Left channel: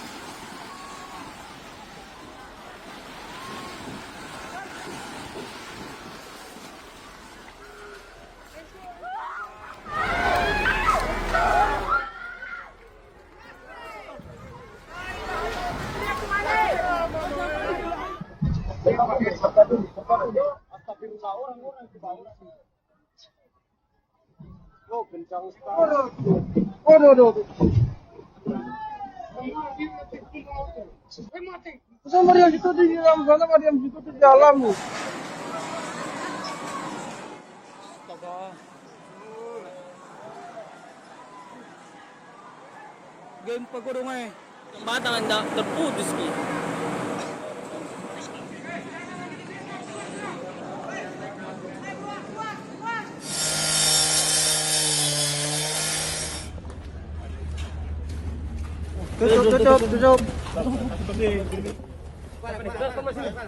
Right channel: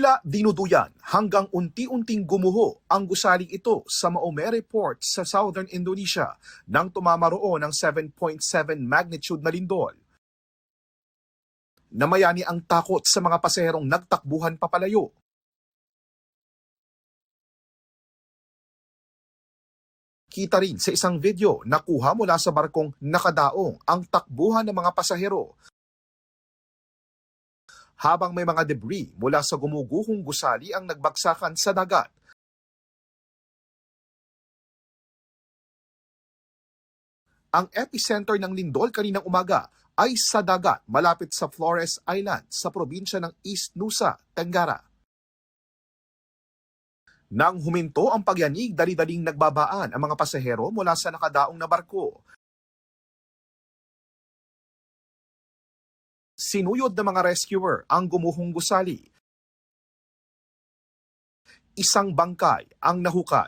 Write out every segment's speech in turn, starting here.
Tila dinuduyan hanggang unti-unting gumuho ang gusaling ito sa Maumere Port sa southern Indonesia nang tumama roon ng 7.7 magnitude na lindol. Namayani ang takot sa mga pasaherong nagtakbuhan papalayo. Kita rin sa isang video na kuha mula sa barkong nakadaong ang takbuhan ng mga pasahero. Habang may mga debris mula sa gumuguhong gusali ang nagbagsakan sa dagat. Ang epicenter ng lindol kaninang umaga ay sa dagat malapit sa Flores Island sa probinsya ng East Nusa Tenggara. Nang huminto ang pagyanig, dali-daling nagbabaan ang mga pasahero mula sa nakadaong na barko. Sinuyod ng mga rescuer ang gumuhong gusali. Isang bangkal ang nahukat.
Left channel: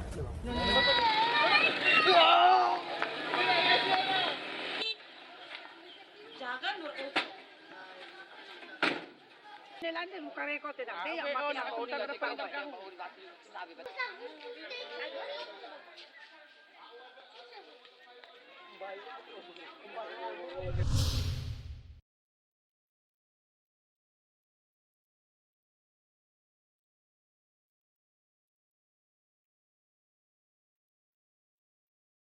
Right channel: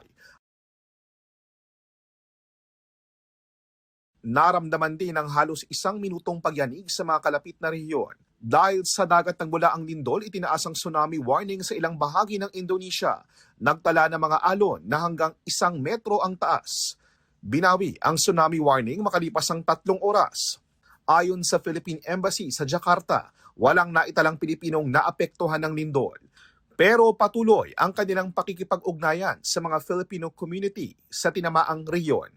Naramdaman din ang halos 1 minutong pagyanig sa mga kalapit na rehiyon. Dahil sa dagat nagmula ang lindol, itinaas ang tsunami warning sa ilang bahagi ng Indonesia. Nagtala ng mga alon na hanggang 1 metro ang taas. Binawi ang tsunami warning makalipas ang 3 oras. Ayon sa Philippine Embassy sa Jakarta, walang naitalang Pilipinong naapektuhan ng lindol. Pero patuloy ang kanilang pakikipag-ugnayan sa mga Filipino community sa tinamaang rehiyon.